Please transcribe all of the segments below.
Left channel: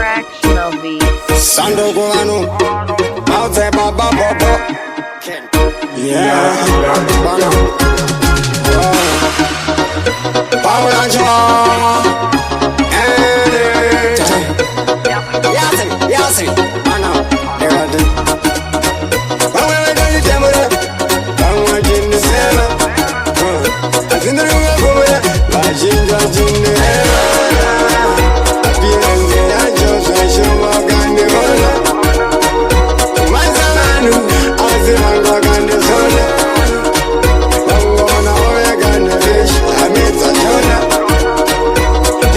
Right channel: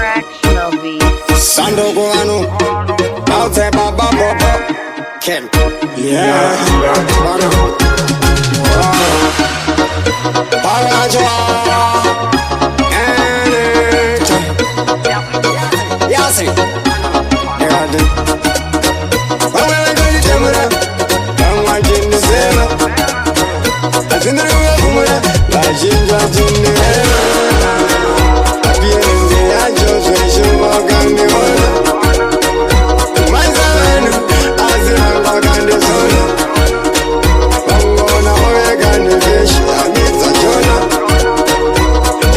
Fractional beats. Sando Guano, Maute Baba Bobo. Yeah, Bana. Paula Joe. Anything. Yasi. There I do. I'm going to the camera. I'm watching the cinema. I think the room for me. Watching the cinema. Appearing I just show up on the corner. Manzanu, Azimango and the Zona. Wangona, Omega and the fish, I made the Jonah.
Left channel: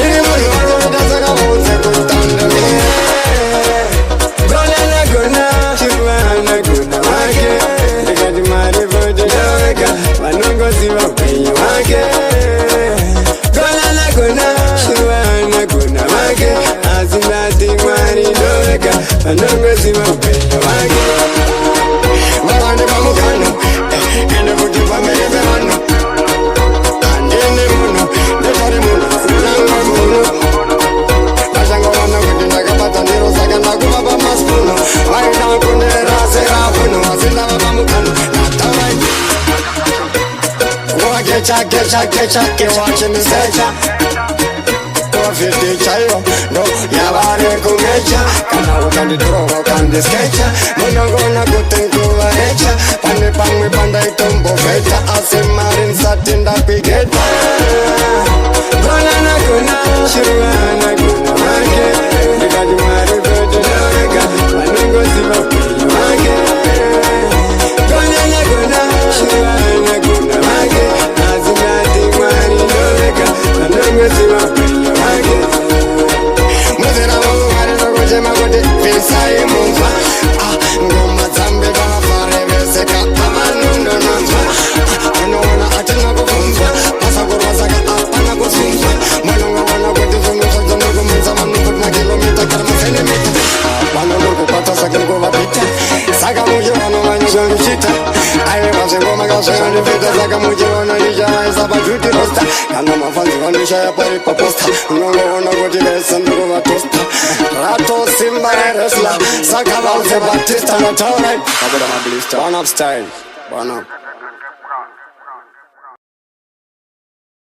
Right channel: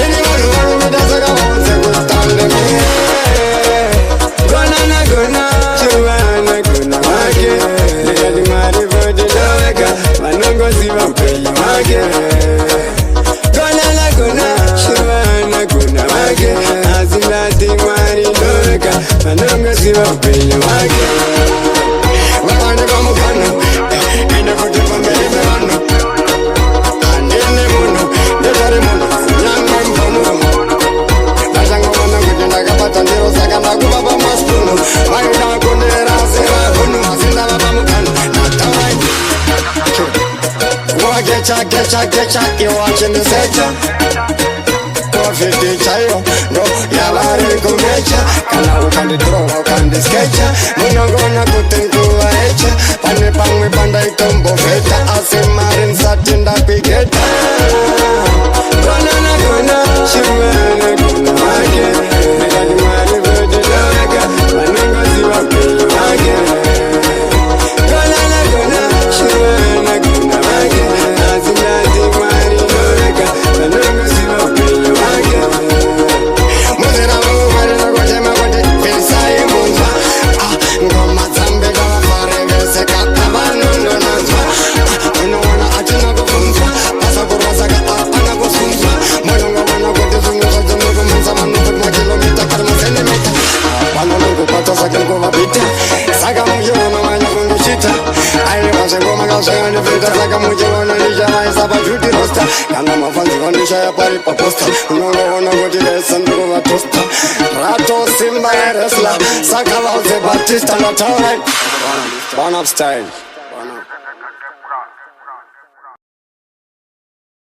Anyone who are with us, I hold a good time. Gona, Chiwana, Guna, Wake. They got the money for the Loka, Manongo Ziva, pay you, Wake. Gona, Shiwana, Guna, Wake. Azimati, Mari, Loka, Manongo Ziva, pay you, Wake. Wawande Pamukano, and the Puti Pamela, and in the Muno, the Tarimuno, young man Pono. Bajango wana kudinda kapata ndiro sakanda kubaba maspunu. Maida kundera zera hunu, azinda baba mukano, na taurai. Gecha, you watching the secha. Coffee teacher, no, yavare kumecha. Kana ukandi throw, ukandi sketcha. Munongona kutenkuwa echa. Pane pangwe panda itombo feta. Asimarin satinda pigeta. Gona, Shirwana, Guna, Wake. They got the money for the Loreka. Manungo Ziva, pay you, Wake. Gona, Shirwana, Guna, Wake. Azimati, Mari, Loreka. Manungo Ziva, pay you, Wake. Muzera, Marino, Gojema, Gote, Pilsai, Munza. Ngoma Zambe, Dava, Forever, Seka, Avanungo, Nonza. Unawana atina kufunzwa pasa kurwazaka apana kusunzwa molongo wana kuti zungu zvajonori kumanza manu kuti makilomita kari masendimita apana ndiri kupata sake nkuvapita saka muchivona manya kungichita aiwa zvengoma kazvakandipeta saka muchivona ndichavaisa pajuti rosta kana mafanzi vandishaya pari paposta unongoona kuti vese ndiri kuvatosta rato simba reresla saka vauze batista ndataurai one up style.